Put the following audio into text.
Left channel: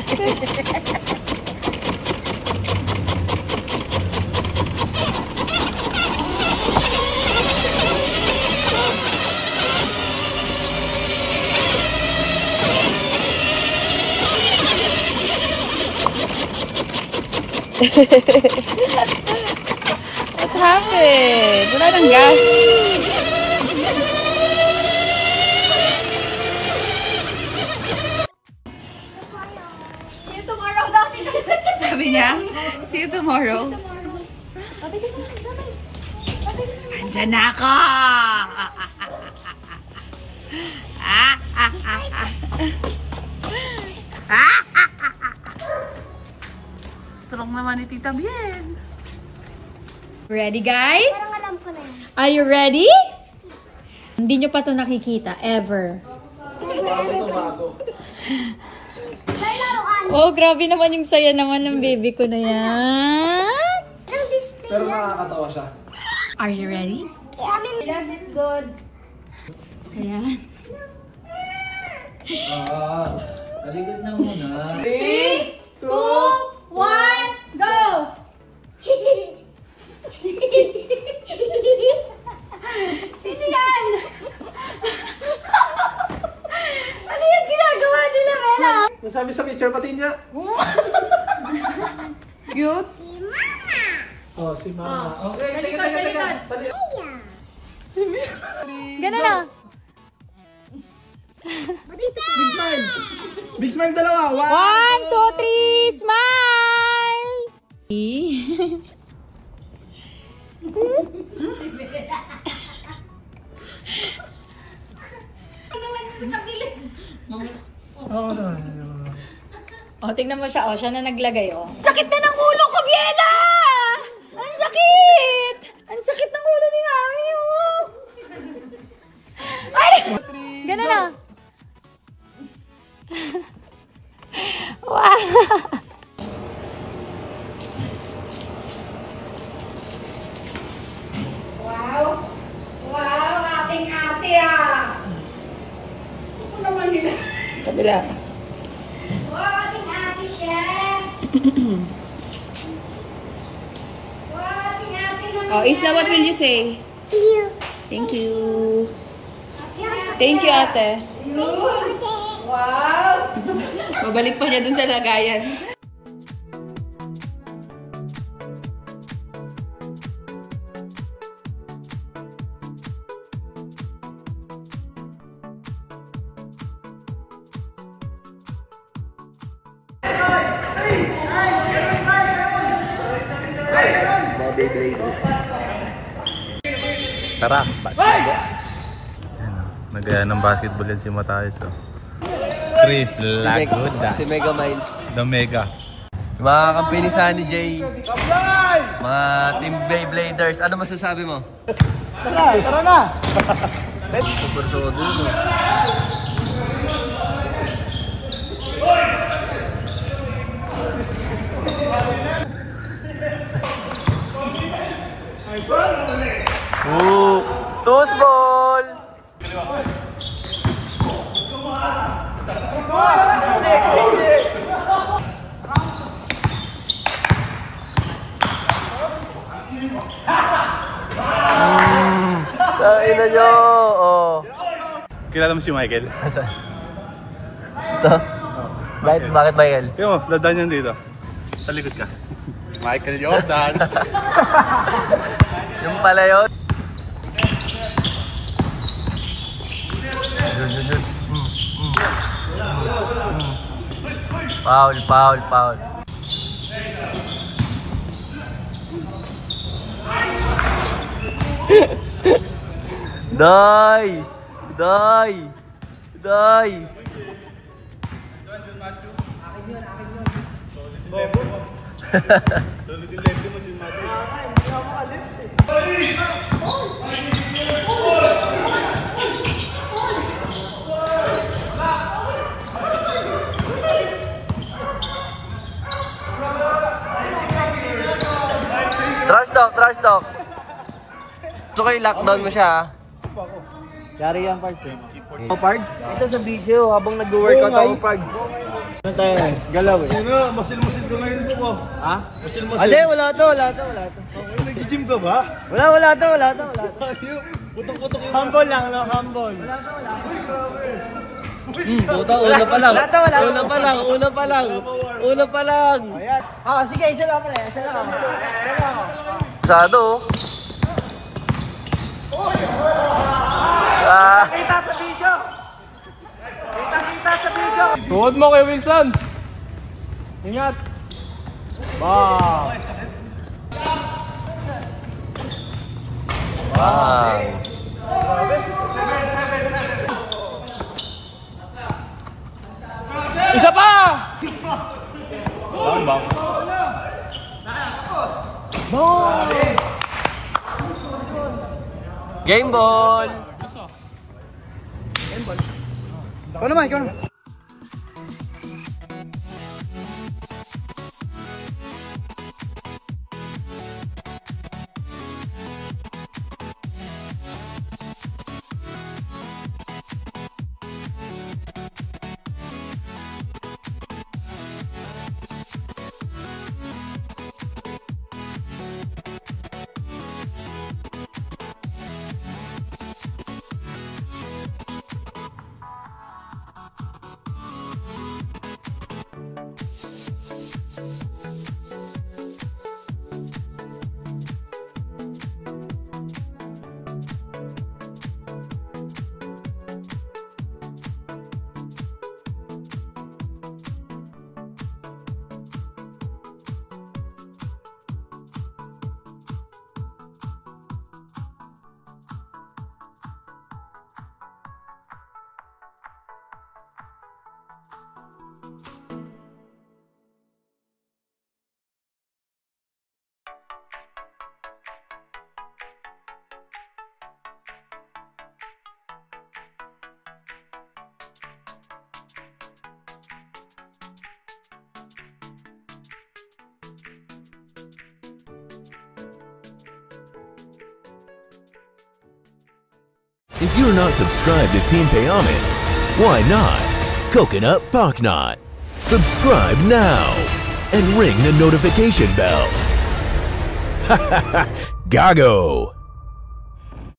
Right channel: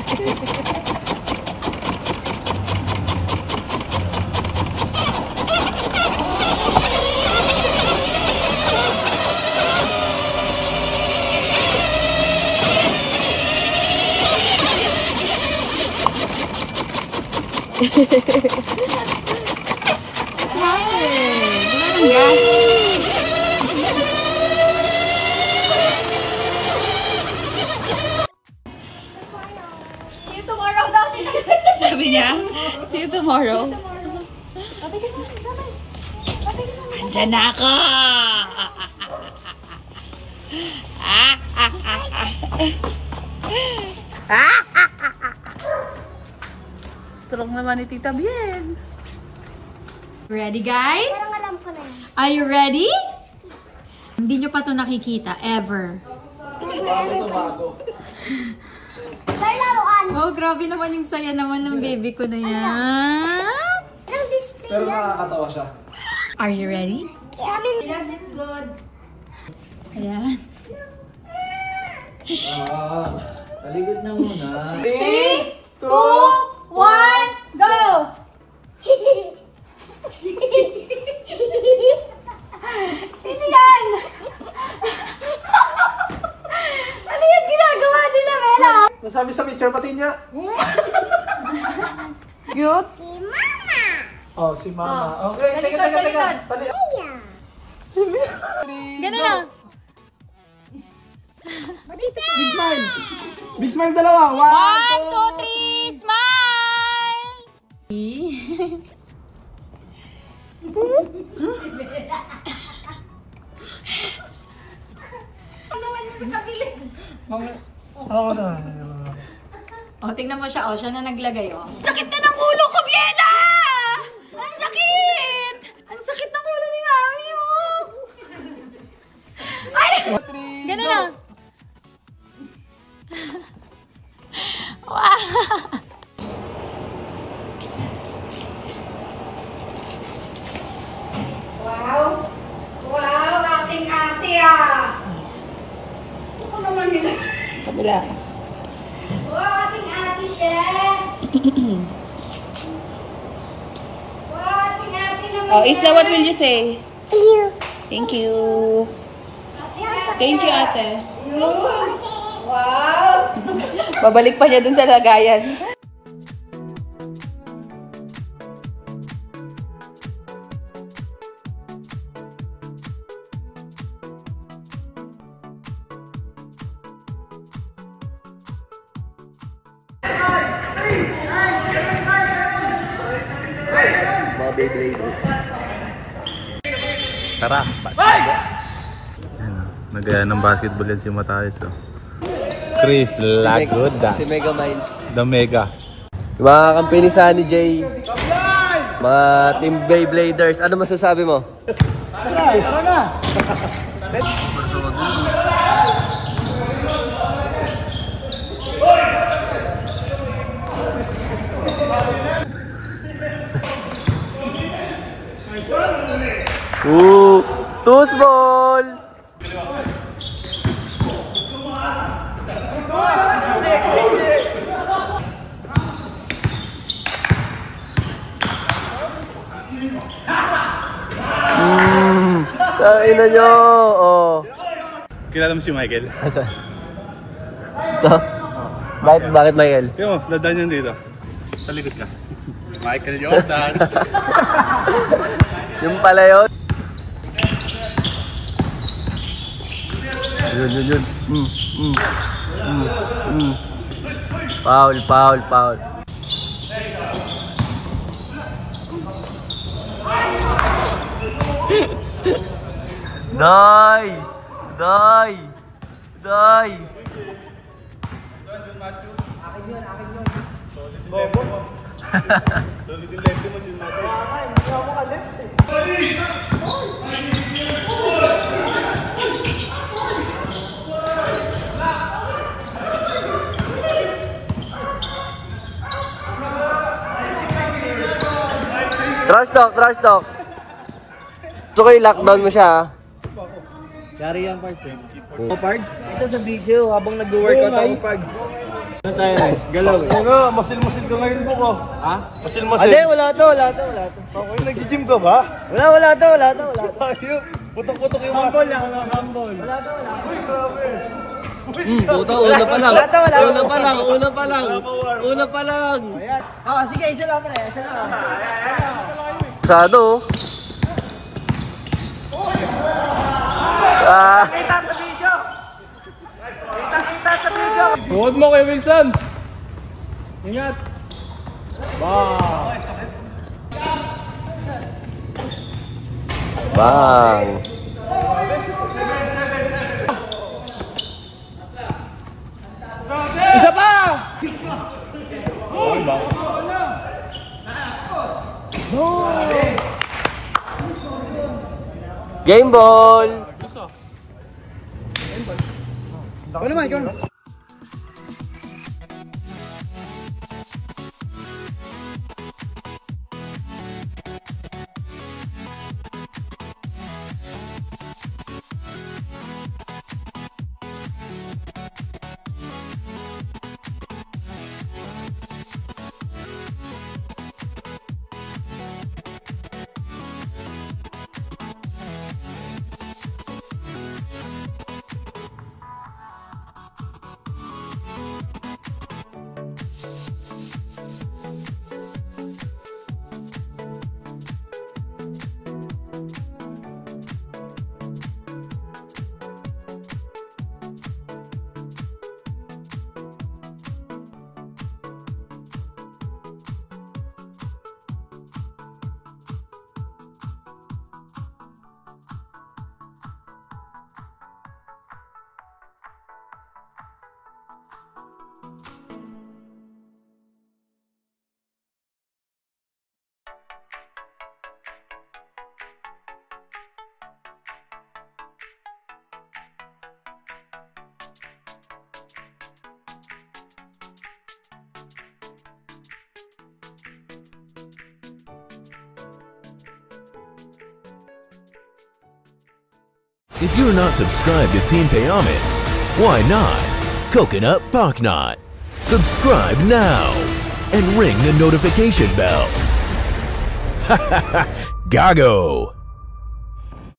What happened? Wala nang gas. See you tomorrow daw. Sabi niya, see you tomorrow. Andyan na ako! Strong naman ni Tita Bien. Ready, guys? Are you ready? Hindi nyo pa ito nakikita, ever. Oh, grabe naman yung saya naman ng baby ko na yan. Pero nakakatawa siya. Are you ready? Does it good? Ayan. Taligod na muna. 3, 2, 1, go! Sino yan? Ano yung ginagawa nila, Bella? Nasabi sa picture pati niya. Cute? Oh, si Mama. Okay, Talikod, talikod. Ganun na. Big smile. Big smile dalawa. 1, 2, 3, smile! Oo, sa O, tingnan mo siya. O, siya na naglagay, o. Sakit na ng ulo ko, Biela! Ang sakit! Ang sakit ng ulo ni Mami, o! Ay! Ganun na. Wow! Wow! Wow, ating ate ah! Ako naman nila. Kabila. Wow, ating ate siya! Wow, ating ate naman. Oh, Isla, what will you say? Thank you. Thank you, ate. Wow! Babalik pa niya dun sa lagayan. mga Beybladers. Tara, basketball. Nagaya ng basketball yan si Matayos. Oh. Chris Lagoda. Si Megamind. The Mega. Yung mga kampany sa ni Jay. Mga Team Beybladers. Ano masasabi mo? Tara, tara na! Two small! Ina nyo! Oh. Kilala mo si Michael? Bakit Michael? Tingnan mo, dadaan yan dito. Sa likod ka. Michael Jordan. Yung pala yun. Yun. Foul. Die! Solid yung left mo din natin. Hindi ako makaleft eh. Trash talk. Gusto ko i-lockdown mo siya ha. Yari yan, Pards eh. Pards? Ito sa video habang nag-workout ako, Pards. Ano tayo na eh? Galaw eh. Ano, masil-masil ka ngayon po ko. Ha? Masil-masil. Ade, wala to. Okay, nag-gym ka ba? Wala to. Ayun, putok-putok yung Humble lang, no? Humble. Uy, grabe. Puta, una pa lang. Una pa lang. Sige, isa lang pre. Sado. Tuhod mo kay Wilson. Ingat. Wow. Isa pa! Game ball. Ikaw naman. If you're not subscribed to Team Payaman, why not? Coconut Pocknot. Subscribe now and ring the notification bell. Gago!